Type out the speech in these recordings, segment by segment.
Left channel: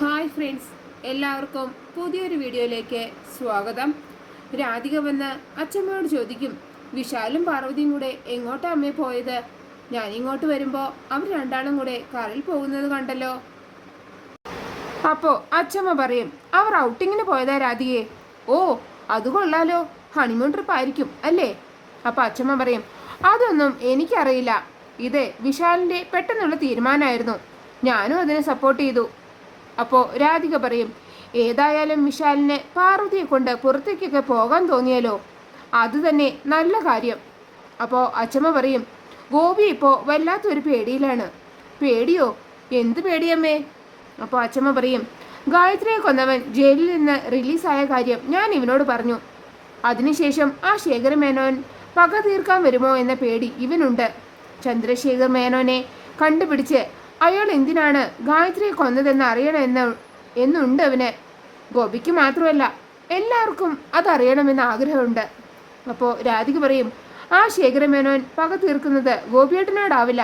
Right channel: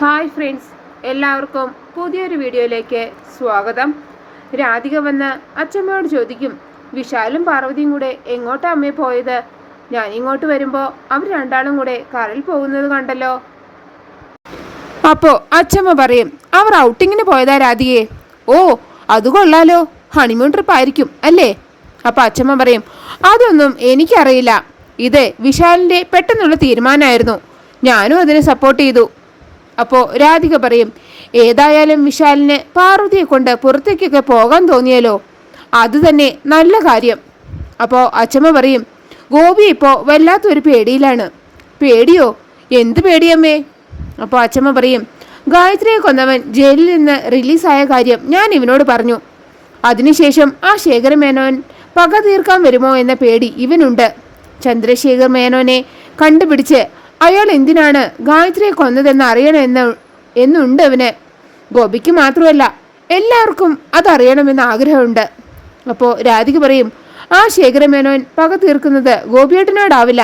Hi friends, എല്ലാവർക്കും പുതിയൊരു വീഡിയോയിലേക്ക് സ്വാഗതം. രാധിക വന്ന് അച്ഛമ്മയോട് ചോദിക്കും, വിശാലും പാർവതിയും കൂടെ എങ്ങോട്ടാ അമ്മേ പോയത്? ഞാൻ ഇങ്ങോട്ട് വരുമ്പോൾ അവർ രണ്ടാളും കൂടെ കാറിൽ പോകുന്നത് കണ്ടല്ലോ. അപ്പോൾ അച്ഛമ്മ പറയും, അവർ ഔട്ടിങ്ങിന് പോയതാ രാധികയെ. ഓ, അത് കൊള്ളാലോ, ഹണിമൂൺ ട്രിപ്പ് ആയിരിക്കും അല്ലേ? അപ്പോൾ അച്ഛമ്മ പറയും, അതൊന്നും എനിക്കറിയില്ല. ഇത് വിശാലിൻ്റെ പെട്ടെന്നുള്ള തീരുമാനമായിരുന്നു. ഞാനും അതിനെ സപ്പോർട്ട് ചെയ്തു. അപ്പോൾ രാധിക പറയും, ഏതായാലും വിശാലിന് പാർവതിയെ കൊണ്ട് പുറത്തേക്കൊക്കെ പോകാൻ തോന്നിയാലോ, അത് തന്നെ നല്ല കാര്യം. അപ്പോൾ അച്ഛമ്മ പറയും, ഗോപി ഇപ്പോൾ വല്ലാത്തൊരു പേടിയിലാണ്. പേടിയോ? എന്ത് പേടിയമ്മേ? അപ്പോൾ അച്ഛമ്മ പറയും, ഗായത്രിയെ കൊന്നവൻ ജയിലിൽ നിന്ന് റിലീസായ കാര്യം ഞാൻ ഇവനോട് പറഞ്ഞു. അതിനുശേഷം ആ ശേഖര മേനോൻ പക തീർക്കാൻ വരുമോ എന്ന പേടി ഇവനുണ്ട്. ചന്ദ്രശേഖർ മേനോനെ കണ്ടുപിടിച്ച് അയാൾ എന്തിനാണ് ഗായത്രിയെ കൊന്നതെന്ന് എന്നുണ്ട് അവന്. ഗോപിക്ക് മാത്രമല്ല, എല്ലാവർക്കും അതറിയണമെന്ന് ആഗ്രഹമുണ്ട്. അപ്പോൾ രാധിക പറയും, ആ ശേഖരമേനോൻ പക തീർക്കുന്നത് ഗോപിയേട്ടനോടാവില്ല,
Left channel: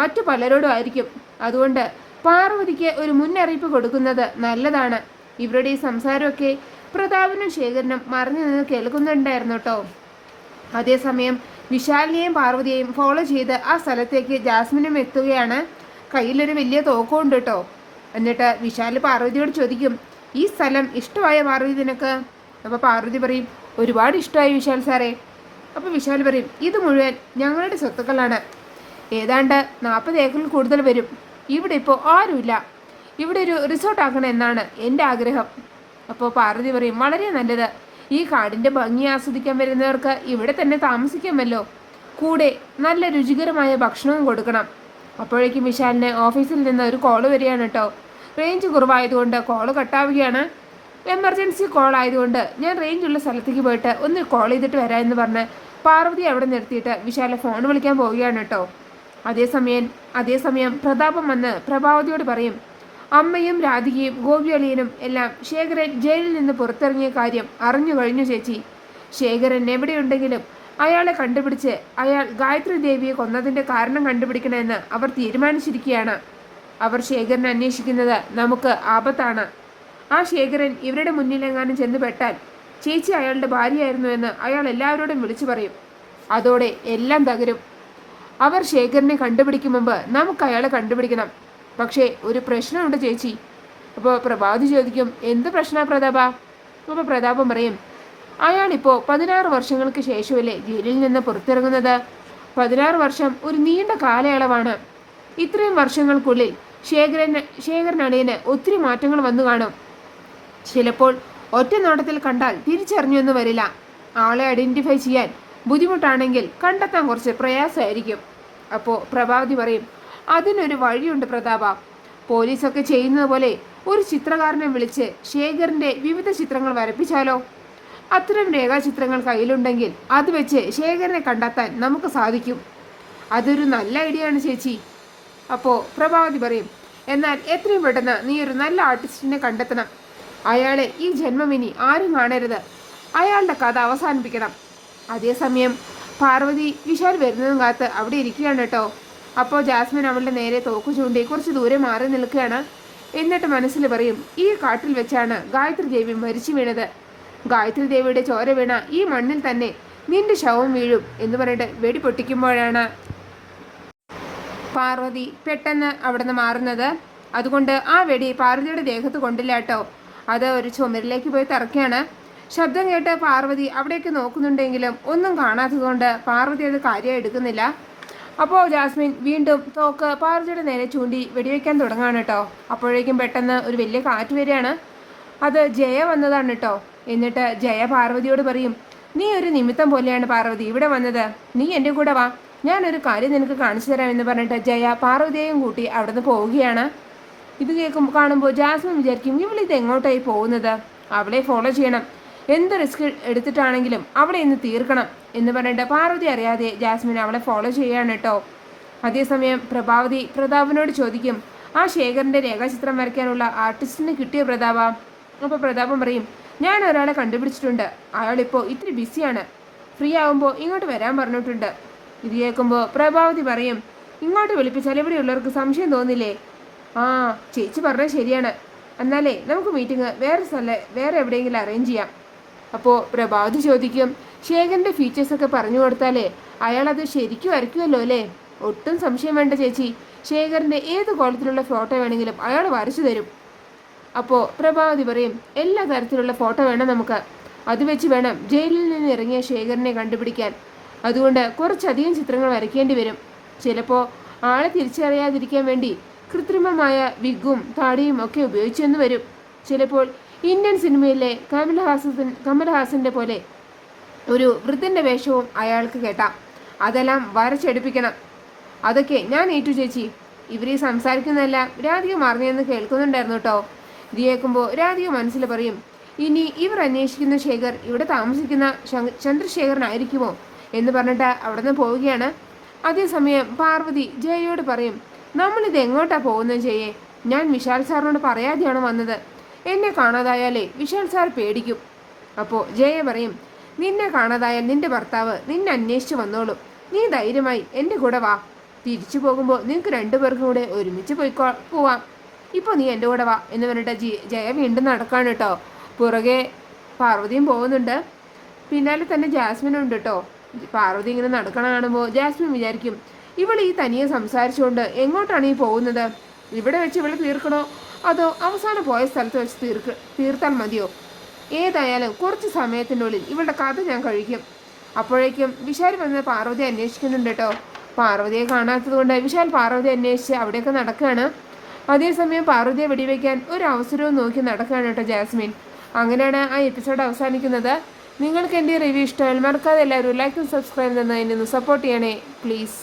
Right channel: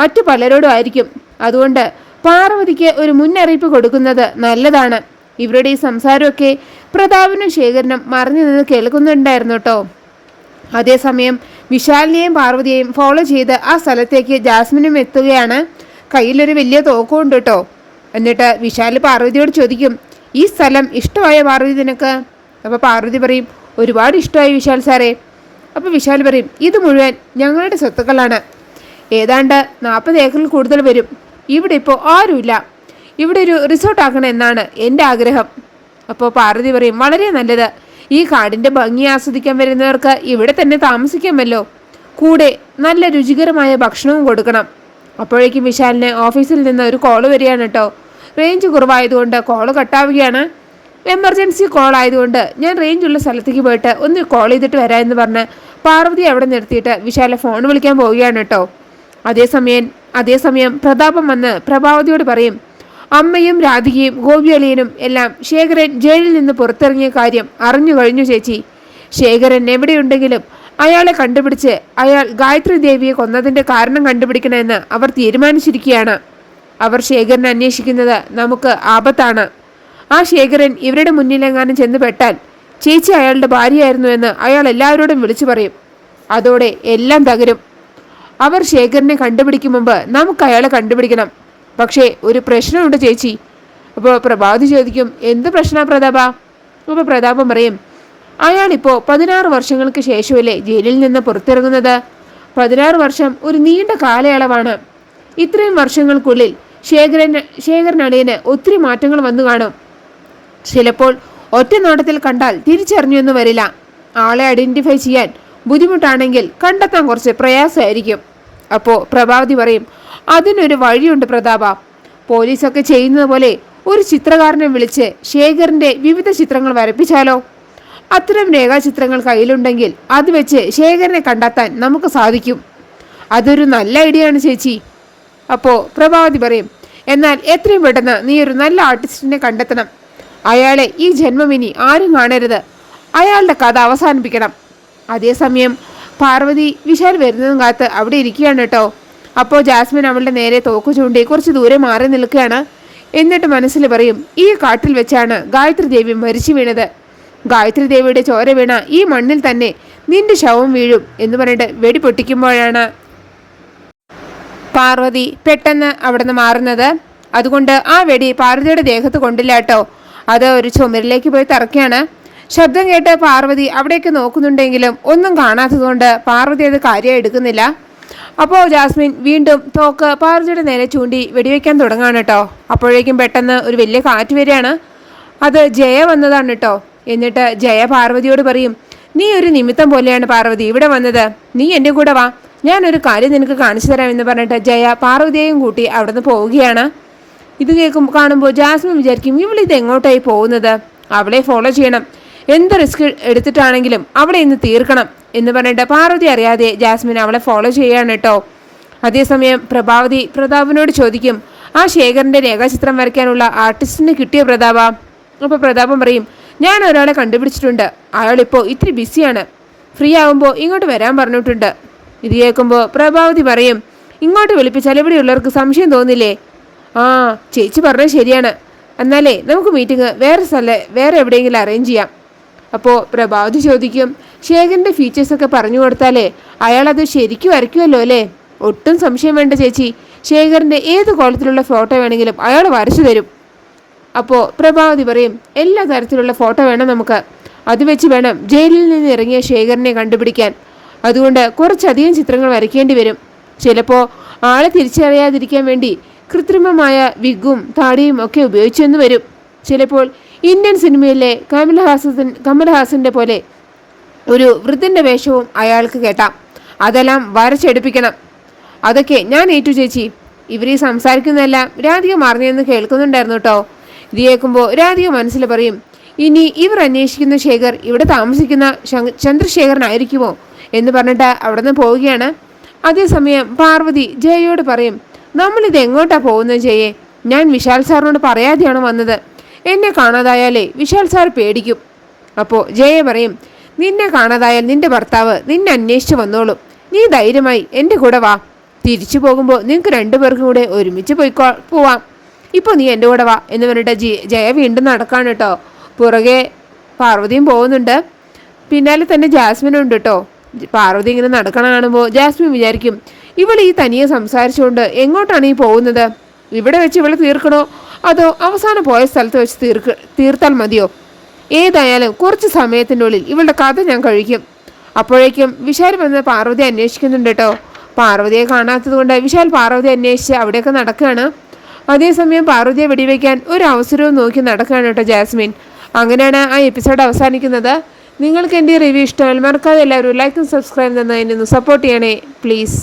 മറ്റു പലരോടും ആയിരിക്കും. അതുകൊണ്ട് പാർവതിക്ക് ഒരു മുന്നറിയിപ്പ് കൊടുക്കുന്നത് നല്ലതാണ്. ഇവരുടെ ഈ സംസാരമൊക്കെ പ്രതാപനും ശേഖരനും മറിഞ്ഞു നിന്ന് കേൾക്കുന്നുണ്ടായിരുന്നു കേട്ടോ. അതേസമയം വിശാലിനെയും പാർവതിയെയും ഫോളോ ചെയ്ത് ആ സ്ഥലത്തേക്ക് ജാസ്മിനും എത്തുകയാണ്. കയ്യിലൊരു വലിയ തോക്കുണ്ട് കേട്ടോ. എന്നിട്ട് വിശാൽ പാർവതിയോട് ചോദിക്കും, ഈ സ്ഥലം ഇഷ്ടമായ പാർവതി നിനക്ക്? അപ്പോൾ പാർവതി പറയും, ഒരുപാട് ഇഷ്ടമായി വിശാൽ സാറേ. അപ്പോൾ വിശാൽ പറയും, ഇത് മുഴുവൻ ഞങ്ങളുടെ സ്വത്തുക്കളാണ്. ഏതാണ്ട് 40 ഏക്കറിൽ കൂടുതൽ വരും. ഇവിടെ ഇപ്പോൾ ആരുമില്ല. ഇവിടെ ഒരു റിസോർട്ട് ആക്കണം എന്നാണ് എൻ്റെ ആഗ്രഹം. അപ്പോൾ പാർവതി പറയും, വളരെ നല്ലത്. ഈ കാടിൻ്റെ ഭംഗി ആസ്വദിക്കാൻ വരുന്നവർക്ക് ഇവിടെ തന്നെ താമസിക്കാമല്ലോ. കൂടെ നല്ല രുചികരമായ ഭക്ഷണവും കൊടുക്കണം. അപ്പോഴേക്കും വിശാലിന് ഓഫീസിൽ നിന്ന് ഒരു കോള് വരികയാണ് കേട്ടോ. റേഞ്ച് കുറവായതുകൊണ്ട് കോള് കട്ടാവുകയാണ്. എമർജൻസി കോൾ ആയതുകൊണ്ട് ഞാൻ റേഞ്ചുള്ള സ്ഥലത്തേക്ക് പോയിട്ട് ഒന്ന് കോൾ ചെയ്തിട്ട് വരാമെന്ന് പറഞ്ഞ് പാർവതി അവിടെ നിർത്തിയിട്ട് വിശാലെ ഫോൺ വിളിക്കാൻ പോവുകയാണ് കേട്ടോ. അതേസമയം പ്രതാപം വന്ന് പ്രഭാവതിയോട് പറയും, അമ്മയും രാധികയും ഗോപിയളിയനും എല്ലാം ശേഖരൻ ജയിലിൽ നിന്ന് പുറത്തിറങ്ങിയ കാര്യം അറിഞ്ഞു കഴിഞ്ഞു ചേച്ചി. ശേഖരൻ എവിടെയുണ്ടെങ്കിലും അയാളെ കണ്ടുപിടിച്ച് അയാൾ ഗായത്രി ദേവിയെ കൊന്നതിൻ്റെ കാരണം കണ്ടുപിടിക്കണമെന്ന് അവർ തീരുമാനിച്ചിരിക്കുകയാണ്. അവർ ശേഖരനെ അന്വേഷിക്കുന്നത് നമുക്ക് ആപത്താണ്. ആ ശേഖരൻ ഇവരുടെ മുന്നിലെങ്ങാനും ചെന്ന് പെട്ടാൽ ചേച്ചി അയാളുടെ ഭാര്യയായിരുന്നു എന്ന് അയാൾ എല്ലാവരോടും വിളിച്ചു പറയും. അതോടെ എല്ലാം തകരും. അവർ ശേഖരനെ കണ്ടുപിടിക്കും മുമ്പ് നമുക്ക് അയാളെ കണ്ടുപിടിക്കണം. പക്ഷേ ഒരു പ്രശ്നമുണ്ട് ചേച്ചി. അപ്പോൾ പ്രഭാതി ചോദിക്കും, എന്ത് പ്രശ്നമാണ് പ്രതാപ? അപ്പോൾ പ്രതാപം പറയും, അയാളിപ്പോൾ 16 വർഷങ്ങൾക്ക് ശേഷമല്ലേ ജയിലിൽ നിന്ന് പുറത്തിറങ്ങുന്നത്. 16 വർഷം ഒരു നീണ്ട കാലയളവാണ്. ഇത്രയും വർഷങ്ങൾക്കുള്ളിൽ ശേഖരനടിയന് ഒത്തിരി മാറ്റങ്ങൾ വന്നു കാണും. ചിലപ്പോൾ ഒറ്റ നോട്ടത്തിൽ കണ്ടാൽ തിരിച്ചറിഞ്ഞു എന്ന് വരില്ല. ആളെ ഐഡന്റിഫൈ ചെയ്യാൻ ബുദ്ധിമുട്ടാണെങ്കിൽ കണ്ടെത്താൻ കുറച്ച് പ്രയാസമായിരിക്കും. അപ്പോൾ പ്രഭാവതി പറയും, അതിനൊരു വഴിയുണ്ട് പ്രതാപ. പോലീസൊക്കെ ചെയ്യുന്നത് പോലെ ഒരു ചിത്രകാരനെ വിളിച്ച് ശേഖറിൻ്റെ വിവിധ ചിത്രങ്ങൾ വരപ്പിച്ചാലോ? അത്തരം രേഖാചിത്രങ്ങൾ കയ്യിലുണ്ടെങ്കിൽ അത് വെച്ച് ശേഖരനെ കണ്ടെത്താൻ നമുക്ക് സാധിക്കും. അതൊരു നല്ല ഐഡിയ ആണ് ചേച്ചി. അപ്പോൾ പ്രഭാവതി പറയും, എന്നാൽ എത്രയും പെട്ടെന്ന് നീ ഒരു നല്ല ആർട്ടിസ്റ്റിനെ കണ്ടെത്തണം. അയാളെ ഈ ജന്മം ഇനി ആരും കാണരുത്. അയാളുടെ കഥ അവസാനിപ്പിക്കണം. അതേസമയം പാർവതി വിശാൽ വരുന്നതും കാത്ത് അവിടെ ഇരിക്കുകയാണ് കേട്ടോ. അപ്പോൾ ജാസ്മിൻ അവളുടെ നേരെ തോക്ക് ചൂണ്ടി കുറച്ച് ദൂരെ മാറി നിൽക്കുകയാണ്. എന്നിട്ട് മനസ്സിൽ പറയും, ഈ കാട്ടിൽ വെച്ചാണ് ഗായത്രി ദേവി മരിച്ചു വീണത്. ഗായത്രി ദേവിയുടെ ചോര വീണ ഈ മണ്ണിൽ തന്നെ നിന്റെ ശവം വീഴും എന്ന് പറഞ്ഞിട്ട് വെടി പൊട്ടിക്കുമ്പോഴാണ് പാർവതി പെട്ടെന്ന് അവിടെ നിന്ന് മാറുന്നത്. അതുകൊണ്ട് ആ വെടി പാർവതിയുടെ ദേഹത്ത് കൊണ്ടില്ല കേട്ടോ. അത് ഒരു ചുമരിലേക്ക് പോയി തറക്കുകയാണ്. ശബ്ദം കേട്ട് പാർവതി അവിടേക്ക് നോക്കുന്നുണ്ടെങ്കിലും ഒന്നും കാണാത്തതുകൊണ്ട് പാർവതി അത് കാര്യമായി എടുക്കുന്നില്ല. അപ്പോൾ ജാസ്മിൻ വീണ്ടും തോക്ക് പാർവതിയുടെ നേരെ ചൂണ്ടി വെടിവെക്കാൻ തുടങ്ങാണ് കേട്ടോ. അപ്പോഴേക്കും പെട്ടെന്ന് ഒരു വലിയ കാറ്റ് വരികയാണ്. അത് ജയ വന്നതാണ് കേട്ടോ. എന്നിട്ട് ജയ പാർവതിയോട് പറയും, നീ ഒരു നിമിത്തം പോലെയാണ് പാർവതി ഇവിടെ വന്നത്. നീ എൻ്റെ കൂടെ വാ, ഞാനൊരു കാര്യം നിനക്ക് കാണിച്ചു തരാം എന്ന് പറഞ്ഞിട്ട് ജയ പാർവതിയെയും കൂട്ടി അവിടെ നിന്ന് പോവുകയാണ്. ഇത് കാണുമ്പോൾ ജാസ്മിൻ വിചാരിക്കും, ഇവളിത് എങ്ങോട്ടായി പോകുന്നത്? അവളെ ഫോളോ ചെയ്യണം, എന്ത് റിസ്ക് എടുത്തിട്ടാണെങ്കിലും അവളെ ഇന്ന് തീർക്കണം എന്ന് പറഞ്ഞിട്ട് പാർവതി അറിയാതെ ജാസ്മിൻ അവളെ ഫോളോ ചെയ്യുകയാണ് കേട്ടോ. അതേസമയം പ്രതാപനോട് ചോദിക്കും, ആ ശേഖരൻ്റെ രേഖാചിത്രം വരയ്ക്കാനുള്ള ആർട്ടിസ്റ്റിനെ കിട്ടിയ പ്രതാപ? അപ്പോൾ പ്രതാപം പറയും, ഞാൻ ഒരാളെ കണ്ടുപിടിച്ചിട്ടുണ്ട്. അയാളിപ്പോൾ ഇത്തിരി ബിസിയാണ്. ഫ്രീ ആകുമ്പോൾ ഇങ്ങോട്ട് വരാൻ പറഞ്ഞിട്ടുണ്ട്. ഇത് കേൾക്കുമ്പോൾ പ്രഭാവതി പറയും, ഇങ്ങോട്ട് വിളിപ്പിച്ചാൽ ഇവിടെയുള്ളവർക്ക് സംശയം തോന്നില്ലേ? ആ ചേച്ചി പറഞ്ഞത് ശരിയാണ്, എന്നാലേ നമുക്ക് മീറ്റിംഗ് വേറെ എവിടെയെങ്കിലും അറേഞ്ച് ചെയ്യാം. അപ്പോൾ പ്രഭാവതി ചോദിക്കും, ശേഖരൻ്റെ ഫീച്ചേഴ്സൊക്കെ പറഞ്ഞു കൊടുത്താലേ അയാളത് ശരിക്കും വരയ്ക്കുമല്ലോ അല്ലേ? ഒട്ടും സംശയം വേണ്ട ചേച്ചി, ശേഖരൻ്റെ ഏത് കോലത്തിലുള്ള ഫോട്ടോ വേണമെങ്കിലും അയാൾ വരച്ചു തരും. അപ്പോൾ പ്രഭാവതി പറയും, എല്ലാ തരത്തിലുള്ള ഫോട്ടോ വേണം നമുക്ക്. അത് വെച്ച് വേണം ജയിലിൽ നിന്ന് ഇറങ്ങിയ ശേഖരനെ കണ്ടുപിടിക്കാൻ. അതുകൊണ്ട് കുറച്ചധികം ചിത്രങ്ങൾ വരയ്ക്കേണ്ടി വരും. ചിലപ്പോൾ ആളെ തിരിച്ചറിയാതിരിക്കാൻ വേണ്ടി കൃത്രിമമായ വിഗും താടിയും ഒക്കെ ഉപയോഗിച്ചെന്ന് വരും. ചിലപ്പോൾ ഇന്ത്യൻ സിനിമയിലെ കമൽഹാസന്റെ പോലെ ഒരു വൃദ്ധൻ്റെ വേഷവും അയാൾക്ക് കേട്ടാം. അതെല്ലാം വരച്ചെടുപ്പിക്കണം. അതൊക്കെ ഞാൻ ഏറ്റു ചേച്ചി. ഇവർ ഈ സംസാരിക്കുന്നതെല്ലാം രാധിക മറിഞ്ഞെന്ന് കേൾക്കുന്നുണ്ടായിരുന്നു കേട്ടോ. ഇത് കേൾക്കുമ്പോൾ രാധിക മനസ്സിൽ പറയും, ഇനി ഇവർ അന്വേഷിക്കുന്ന ശേഖർ ഇവിടെ താമസിക്കുന്ന ചന്ദ്രശേഖരനായിരിക്കുമോ എന്ന് പറഞ്ഞിട്ട് അവിടെ നിന്ന് പോവുകയാണ്. അതേസമയം പാർവതി ജയയോട് പറയും, നമ്മളിത് എങ്ങോട്ടാ പോകുന്നത് ജയെ? ഞാൻ വിശാൽ സാറിനോട് പറയാതെയാണ് വന്നത്. എന്നെ കാണാതായാലേ വിശാൽ സാർ പേടിക്കും. അപ്പോൾ ജയ പറയും, നിന്നെ കാണാതായാൽ നിന്റെ ഭർത്താവ് നിന്നെ അന്വേഷിച്ച് വന്നോളും. നീ ധൈര്യമായി എൻ്റെ കൂടെ വാ. തിരിച്ചു പോകുമ്പോൾ നിങ്ങൾക്ക് രണ്ടുപേർക്കും കൂടെ ഒരുമിച്ച് പോവാം. ഇപ്പോൾ നീ എൻ്റെ കൂടെ വാ എന്ന് പറഞ്ഞിട്ട് ജയ വീണ്ടും നടക്കാണ് കേട്ടോ. പുറകെ പാർവതിയും പോകുന്നുണ്ട്. പിന്നാലെ തന്നെ ജാസ്മിനും ഉണ്ട് കേട്ടോ. പാർവതി ഇങ്ങനെ നടക്കണ കാണുമ്പോൾ ജാസ്മിൻ വിചാരിക്കും, ഇവൾ ഈ തനിയെ സംസാരിച്ചുകൊണ്ട് എങ്ങോട്ടാണ് ഈ പോകുന്നത്? ഇവിടെ വെച്ച് ഇവളെ തീർക്കണോ അതോ അവസാനം പോയ സ്ഥലത്ത് വെച്ച് തീർത്താൽ മതിയോ? ഏതായാലും കുറച്ച് സമയത്തിൻ്റെ ഉള്ളിൽ ഇവളുടെ കഥ ഞാൻ കഴിക്കും. അപ്പോഴേക്കും വിശാൽ വന്ന് പാർവതി അന്വേഷിക്കുന്നുണ്ട് കേട്ടോ. പാർവതിയെ കാണാത്തത് കൊണ്ട് വിശാൽ പാർവതി അന്വേഷിച്ച് അവിടെയൊക്കെ നടക്കുകയാണ്. അതേസമയം പാർവതിയെ വെടിവെക്കാൻ ഒരു അവസരവും നോക്കി നടക്കുകയാണ് കേട്ടോ ജാസ്മിൻ. അങ്ങനെയാണ് ആ എപ്പിസോഡ് അവസാനിക്കുന്നത്. നിങ്ങൾക്ക് എൻ്റെ റിവ്യൂ ഇഷ്ടമായാൽ മറക്കാതെ എല്ലാവരും ലൈക്കും സബ്സ്ക്രൈബ് തന്നതിനൊന്ന് സപ്പോർട്ട് ചെയ്യണേ പ്ലീസ്.